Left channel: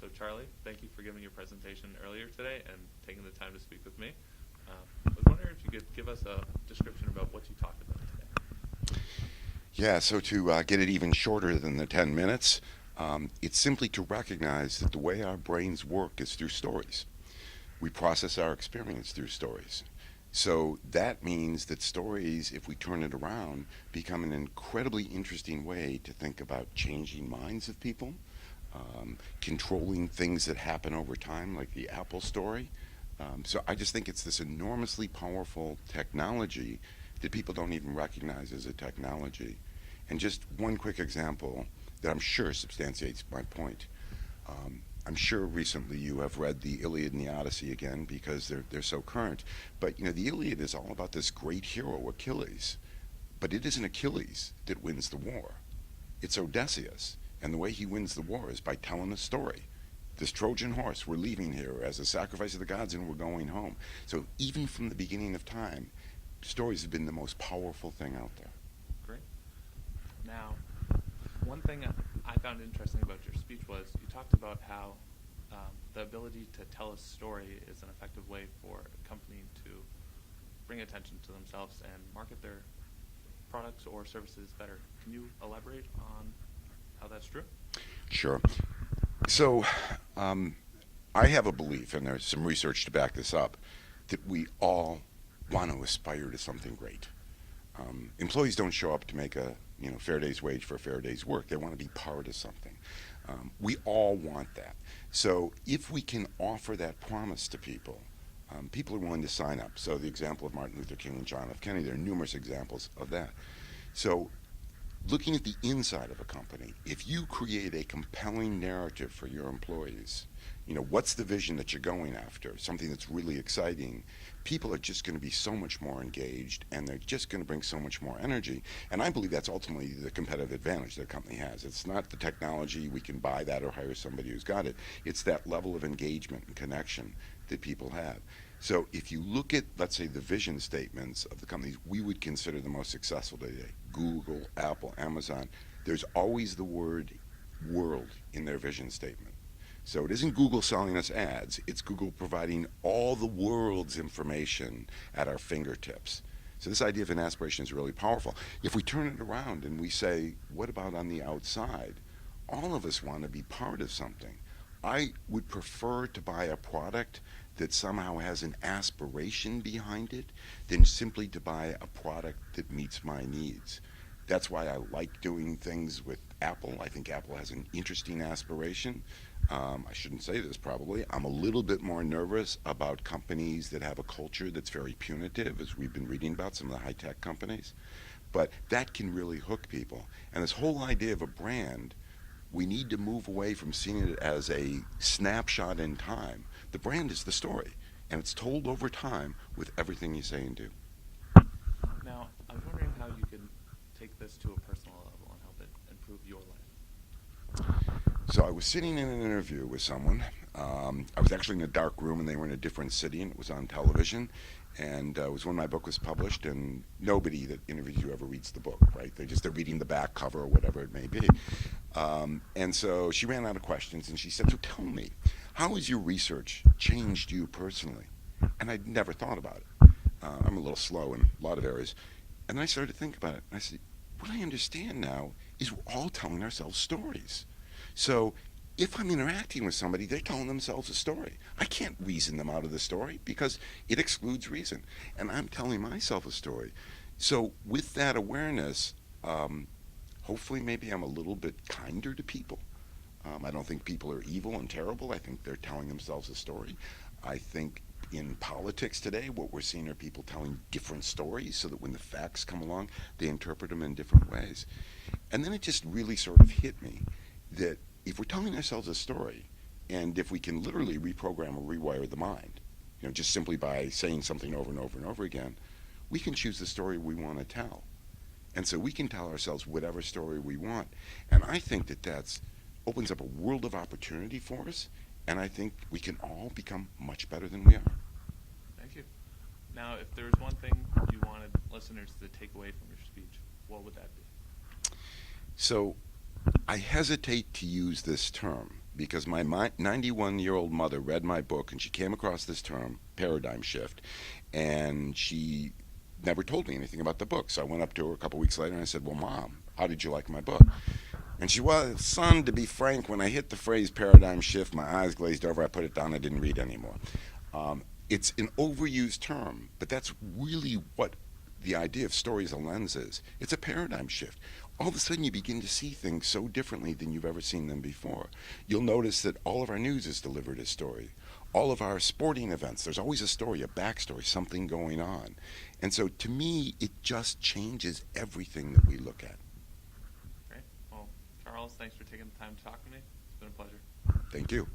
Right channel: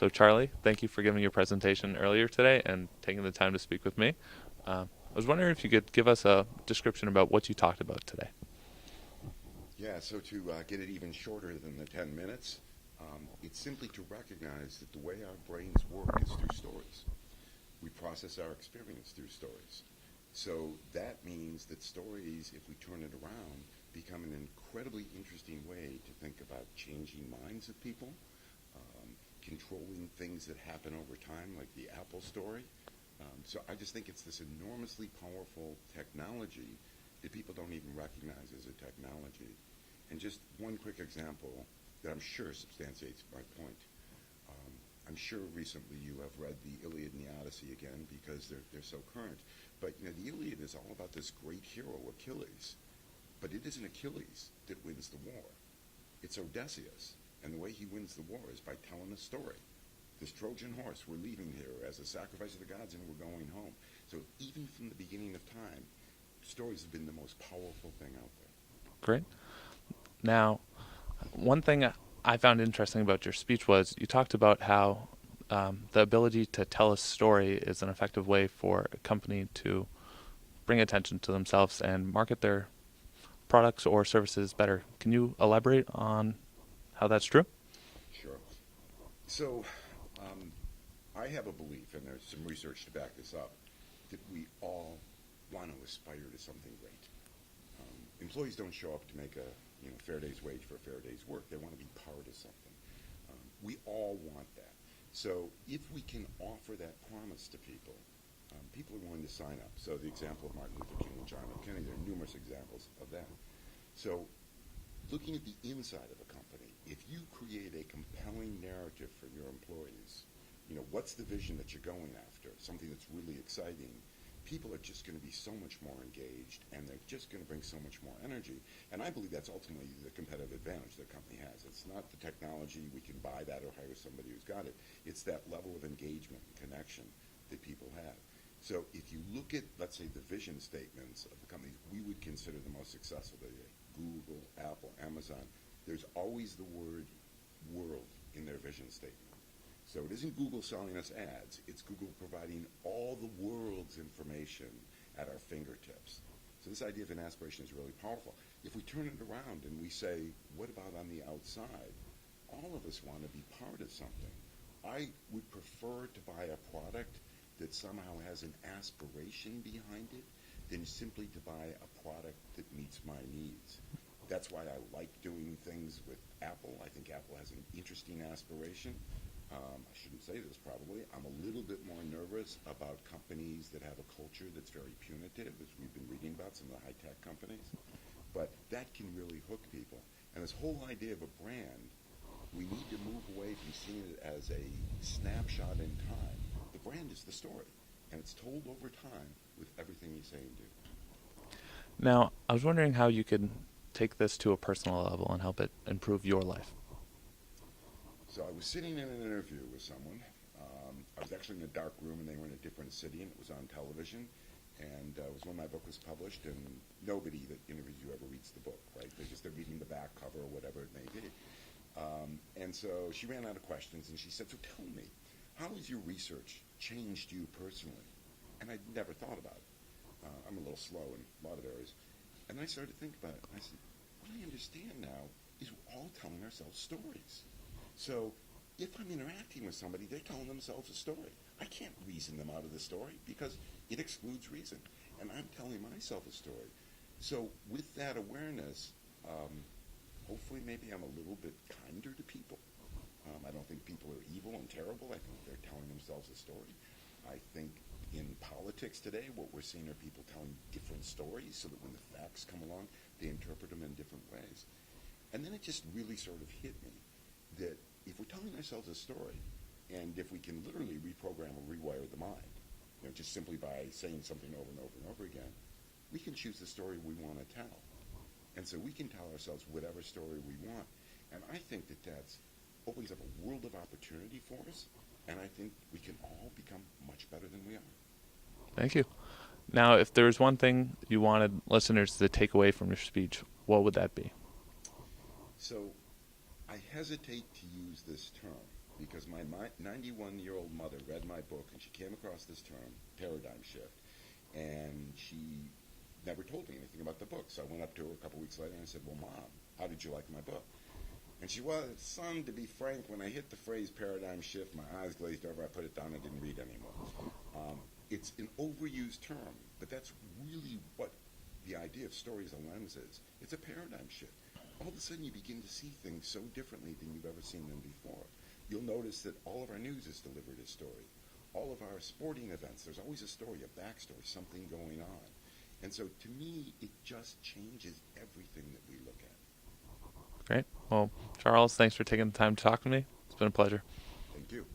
So Charlie, thank you for giving your presentation earlier today and taking the time to speak with me. I was wondering if you could give us a description about what you talked about today. Yeah, so to get it even shorter than the 10 minutes, it's simply to recognize that the way our brains work is through stories. We process our experience through stories. So that means that stories, if we turn it around, become an incredibly interesting way to think about changing minds of people, controlling things that happen over time, like the Apple story. So I just think it's this enormously powerful technology that people don't even recognize as a technology. And just one quick example that I'm sure substantiates my point. I'm sure recently you have read the Iliad and the Odyssey again because they're so current. But you know, the Iliad is all about this great hero, Achilles. But it isn't Achilles that wins the war. It's Odysseus. And the way he wins the war is by telling a story. This Trojan horse, we're leaving here as a sacrifice of the gods and we're going home. So even from the beginning of time, stories have been the most powerful thing out there. Great. Now, one thing I found interesting about your speech was you talked about how the ability to tell a story is an effective way for a company to bring attention to themselves and market their products or services better. Can you elaborate on how that's true? Sure. So I have a belief, and there's some research to back this up, that we all want to aspire to something great. Employees don't show up to make a fair day's wage for a fair day's work. They want to be part of something. We all want that. So if we can offer that promise to people, people are willing to sign up. So the example of Martin Luther King and John F. Kennedy, there are numerous examples of that. So looking at the inside of a company, if you create a compelling narrative for your employees, what's the vision that you're going after, something that's really exciting, people are just going to be so much more engaged and they're just going to bring so much more energy. And I believe that's ultimately the competitive advantage that a company has. It's not the technology, we can buy that or hire somebody who's got it. It's that level of engagement and connection that people have. So if you look at, let's say, the vision statements of the companies we would consider the most successful today, Google, Apple, Amazon, there's always the word world in their vision statement. So it isn't Google selling us ads, it's Google providing all the world's information at our fingertips. So this idea of an aspiration is really powerful. If we turn it around and we say, what about on the outside? All of us want to be part of something. I would prefer to buy a product that somehow has an aspiration behind it than simply to buy a product that meets my needs. That's why I like doing things with Apple. I think Apple has an interesting aspiration. I shouldn't say this probably. I'm a little bit more nervous about companies that have a culture that's very punitive, as we've been reading about some of the high-tech companies. But that can really hook people. And this whole idea of a brand, we need to move away from seeing it as a snapshot in time. The brand is the story, and it's told over time with everything you say and do. Now, I was wondering how you could take this to a personal level and help it improve your life. So I was sitting in an interview with someone. I was actually in a dark room, and they were in a different city, and it was on television. And it was when my book was published, and nobody that interviews you ever reads the book, right? They're reading the back cover or whatever it may be. And so she ran out of questions, and she said, so tell me, how has your research changed you personally? And I'd never thought about it. I'm a little slow in a lot of areas. And then I started to think about it. And I said, what I understand now is we're all telling ourselves stories. So if I'm interacting with somebody, they're telling themselves a story. I can't reason them out of the story because it excludes reason. And I'm telling myself a story. So with that awareness, hopefully maybe I'm a little bit kinder to people. I don't think people are evil and terrible. I think they're telling themselves a story. I think in politics today, what we're seeing are people telling different stories so that when the facts come along, they interpret them in different ways. And then it just really sort of hit me that if we're telling ourselves a story, and if we can literally reprogram or rewire the mind, just simply by saying something over and over and over again, we can choose the story we want to tell. And so we can tell ourselves whatever story we want. And I think that that's opens up a world of opportunity for us, and I think we can all become much better than we are. Thank you. Now, if there was one thing you wanted listeners to take away from your speech, what would that be? So I hesitate to use this term, because my 91-year-old mother read my book and she came across this term, paradigm shift, and she never told me anything about the book. So I went up to her a couple weeks later and I said, "Well, Mom, how did you like my book?" And she, "Well, son, to be frank, when I hit the phrase paradigm shift, my eyes glazed over, I put it down, I didn't read anymore." It's an overused term, but that's really what the idea of story as a lens is. It's a paradigm shift. All of a sudden, you begin to see things so differently than you've ever seen them before. You'll notice that all of our news is delivered as story. All of our sporting events, there's always a story, a backstory, something going on. And so to me, it just changes everything that we look at. Great. Well, Charles, thanks for taking the time to talk to me. It's been a pleasure. Thank you.